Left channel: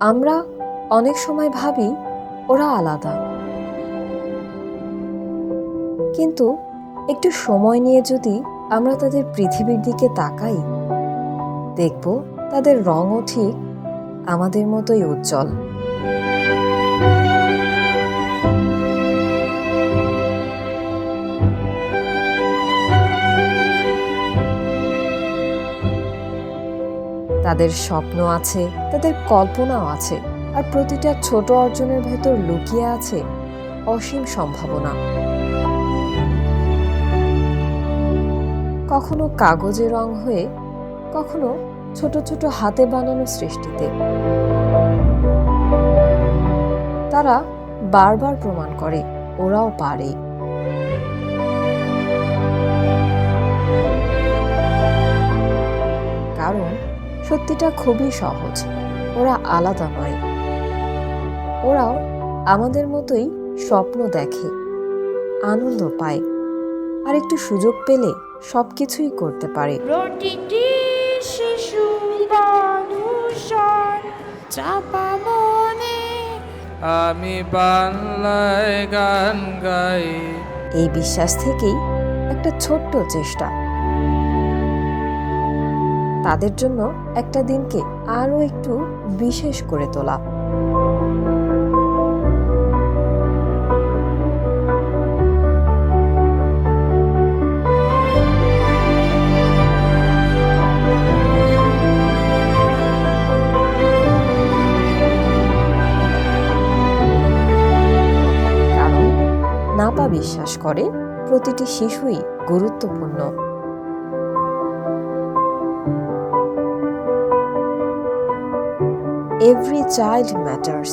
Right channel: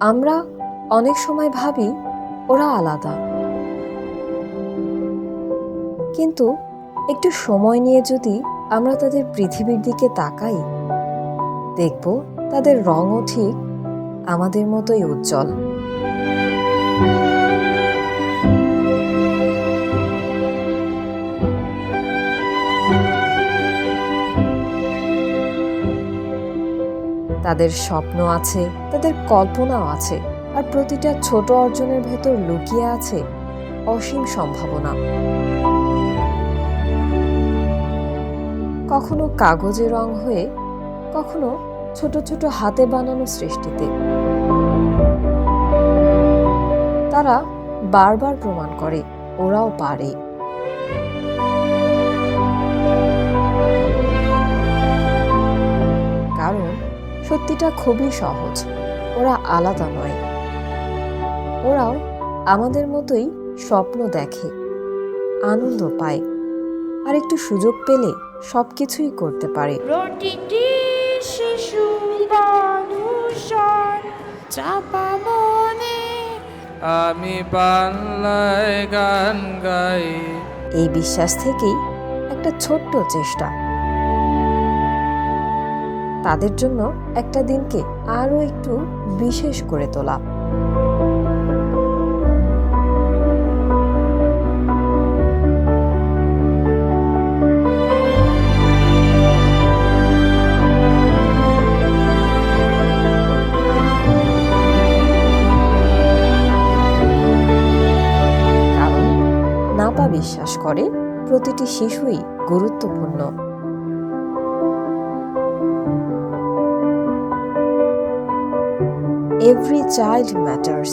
আমরা অনেক সময় ভাবি ওরা আলাদা, কিন্তু একটু সময় নিয়ে যদি আমরা তাদের পৃথিবীর দিকে তাকাই, দেখব তাদের রঙও ঠিক আমাদের মতোই উজ্জ্বল। তাদের স্বপ্ন আছে, তাদের কল্পনাও আছে, আর প্রতিটা ছোট অর্জনের ভেতর লুকিয়ে আছে অসীম সম্ভাবনা। কখনো কাগজে রং হয়ে, কখনো ছোট ছোট হাতে বানানো সৃষ্টিতে। তারা বারবার প্রমাণ করে ওরাও পারে। কারণ সত্যিটা খুবই সহজ, ওরা আলাদা নয়। ওরাও আমাদের মতোই স্বপ্ন দেখে, আনন্দ পায়, আর একটু সুযোগ পেলে সবকিছুই করতে পারে। প্রতিটি শিশু মানুষের চাপা মনে আমি বাংলায় গান গাই। এই বিশ্বাস থেকেই একটা ছোট্ট চেষ্টা তাদের জন্য একটা দিনকে আরো একটু বিশেষ করে তোলা। কারণ নাপা বিশ্বাস করে প্রতিটি শিশুই গুরুত্বপূর্ণ। Every child matters.